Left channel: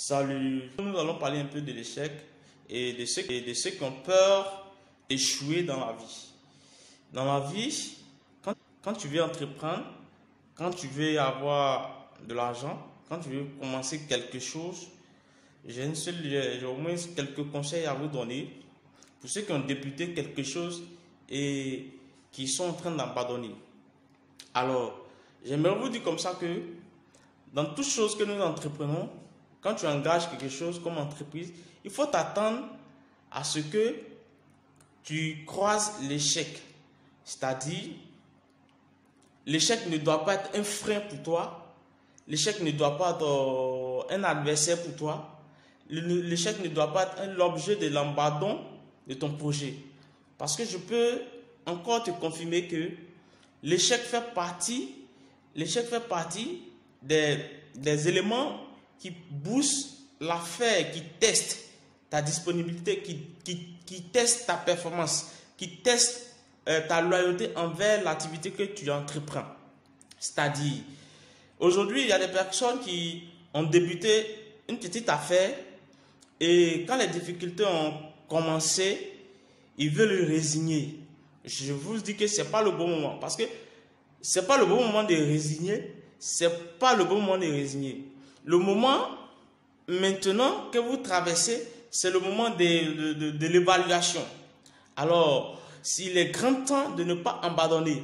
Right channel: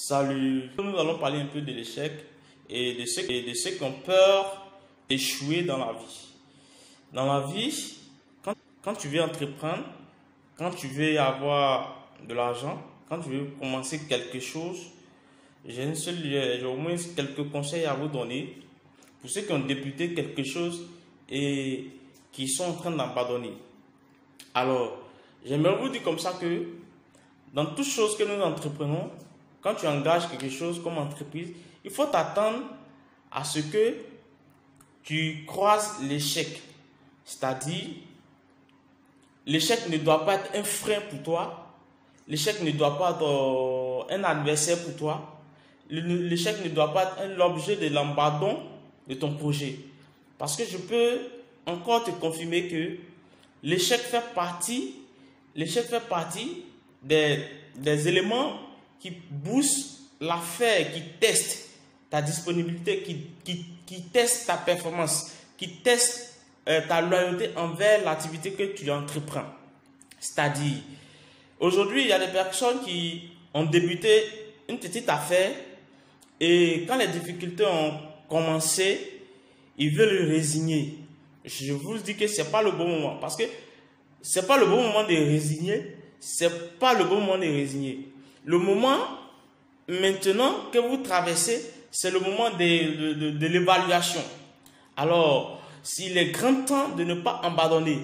Salut, nous allons parler un peu de l'échec et de ceux qui ont peur d'échouer dans la vie. Dans la vie, quand tu veux entreprendre, quand tu veux avoir de l'argent, quand tu veux commencer quelque chose, j'ai au moins quelques conseils à vous donner pour ceux qui ont débuté quelque chose et qui sont en train d'abandonner. Alors, j'aimerais vous dire comme ça que dans toutes choses que nous entreprenons, quand tu engages quelque chose comme entreprise, il faut t'attendre à ce que tu croises l'échec. C'est-à-dire, l'échec ne doit pas être un frein pour toi. L'échec ne doit pas être un adversaire pour toi. L'échec ne doit pas être l'objet de l'abandon de ton projet. Parce que je peux encore te confirmer que l'échec fait partie des éléments qui boostent l'affaire, qui testent ta disponibilité, qui testent ta performance, qui testent ta loyauté envers l'activité que tu entreprends. C'est-à-dire, aujourd'hui, il y a des personnes qui ont débuté une petite affaire et quand les difficultés ont commencé, ils veulent résigner. Je vous dis que ce n'est pas le bon moment parce que ce n'est pas le bon moment de résigner. C'est pas le bon moment de résigner. Le moment maintenant que vous traversez, c'est le moment de l'évaluation. Alors, s'il est grand temps de ne pas abandonner,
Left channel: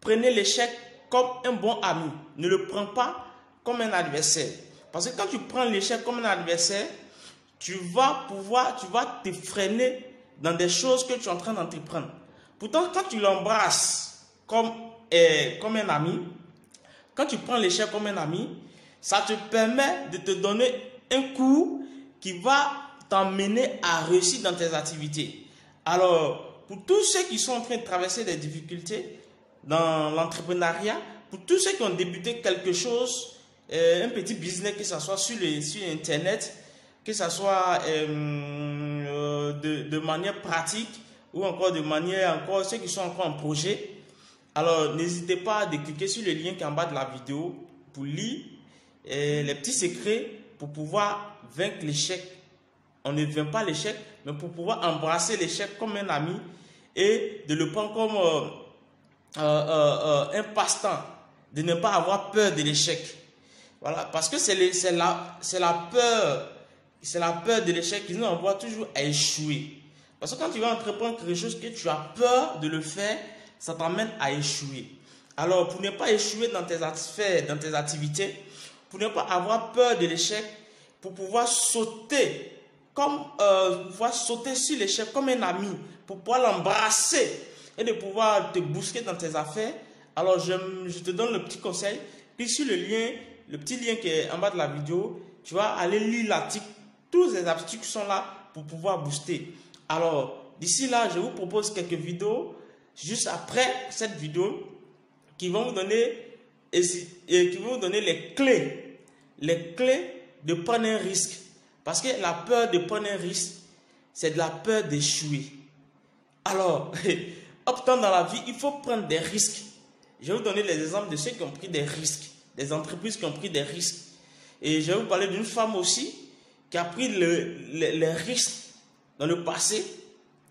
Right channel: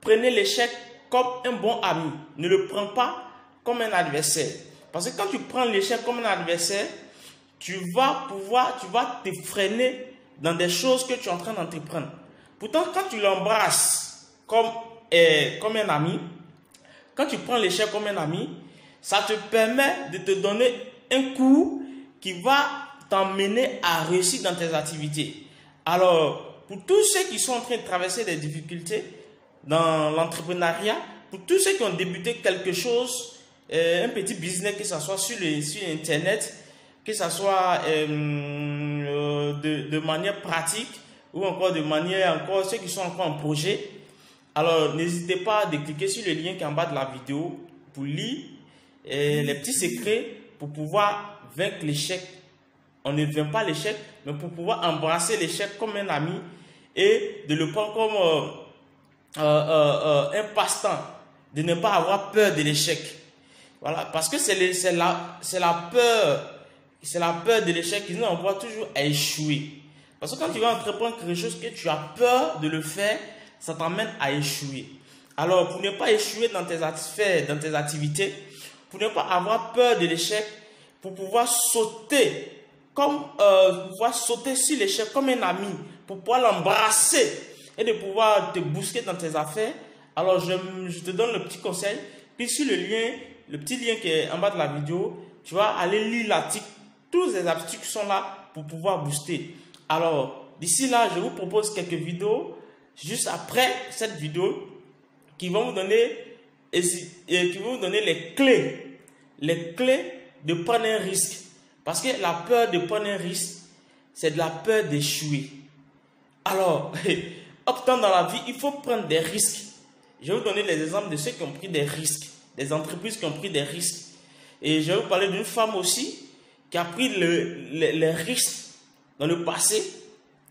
prenez l'échec comme un bon ami. Ne le prends pas comme un adversaire. Parce que quand tu prends l'échec comme un adversaire, tu vas te freiner dans des choses que tu es en train d'entreprendre. Pourtant, quand tu l'embrasses comme un ami, quand tu prends l'échec comme un ami, ça te permet de te donner un coup qui va t'emmener à réussir dans tes activités. Alors, pour tous ceux qui sont en train de traverser des difficultés dans l'entrepreneuriat, pour tous ceux qui ont débuté quelque chose, un petit business, que ce soit sur Internet, que ce soit de manière pratique ou encore de manière, ceux qui sont encore en projet, alors n'hésitez pas à cliquer sur le lien qui est en bas de la vidéo pour lire les petits secrets pour pouvoir vaincre l'échec. On ne vainc pas l'échec, mais pour pouvoir embrasser l'échec comme un ami et de le prendre comme un passe-temps, de ne pas avoir peur de l'échec. Voilà, parce que c'est la peur de l'échec qui nous envoie toujours à échouer. Parce que quand tu vas entreprendre quelque chose que tu as peur de le faire, ça t'emmène à échouer. Alors, pour ne pas échouer dans tes activités, pour ne pas avoir peur de l'échec, pour pouvoir sauter sur l'échec comme un ami, pour pouvoir l'embrasser et de pouvoir te booster dans tes affaires, alors je te donne le petit conseil. Clique sur le petit lien qui est en bas de la vidéo, tu vas aller lire l'article, tous les articles sont là pour pouvoir booster. Alors, d'ici là, je vous propose quelques vidéos juste après cette vidéo qui vont vous donner les clés de prendre un risque. Parce que la peur de prendre un risque, c'est de la peur d'échouer. Alors, optant dans la vie, il faut prendre des risques. Je vais vous donner les exemples de ceux qui ont pris des risques, des entreprises qui ont pris des risques. Et je vais vous parler d'une femme aussi qui a pris les risques dans le passé,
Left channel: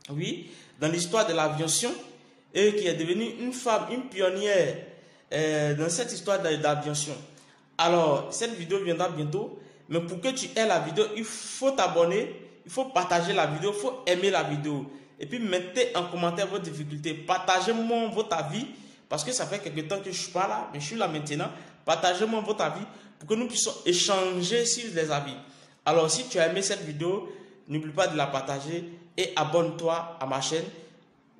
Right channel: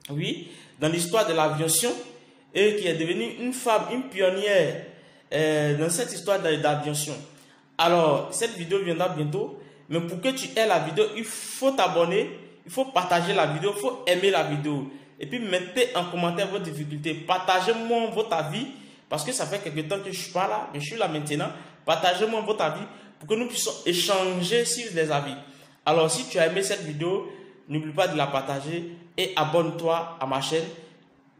oui, dans l'histoire de l'aviation, et qui est devenue une femme, une pionnière dans cette histoire d'aviation. Alors, cette vidéo viendra bientôt, mais pour que tu aies la vidéo, il faut t'abonner, il faut partager la vidéo, il faut aimer la vidéo. Et puis, mettez en commentaire vos difficultés. Partagez-moi votre avis, parce que ça fait quelque temps que je ne suis pas là, mais je suis là maintenant. Partagez-moi votre avis pour que nous puissions échanger sur les avis. Alors, si tu as aimé cette vidéo, n'oublie pas de la partager et abonne-toi à ma chaîne,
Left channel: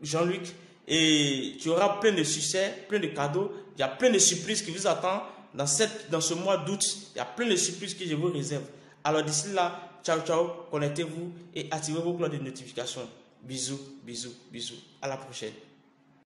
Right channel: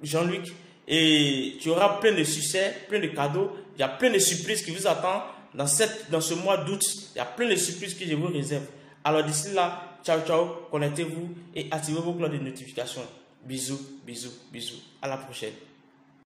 Jean-Luc. Et tu auras plein de succès, plein de cadeaux. Il y a plein de surprises qui vous attendent dans ce mois d'août. Il y a plein de surprises que je vous réserve. Alors d'ici là, ciao, ciao, connectez-vous et activez vos cloches de notification. Bisous, bisous, bisous. À la prochaine.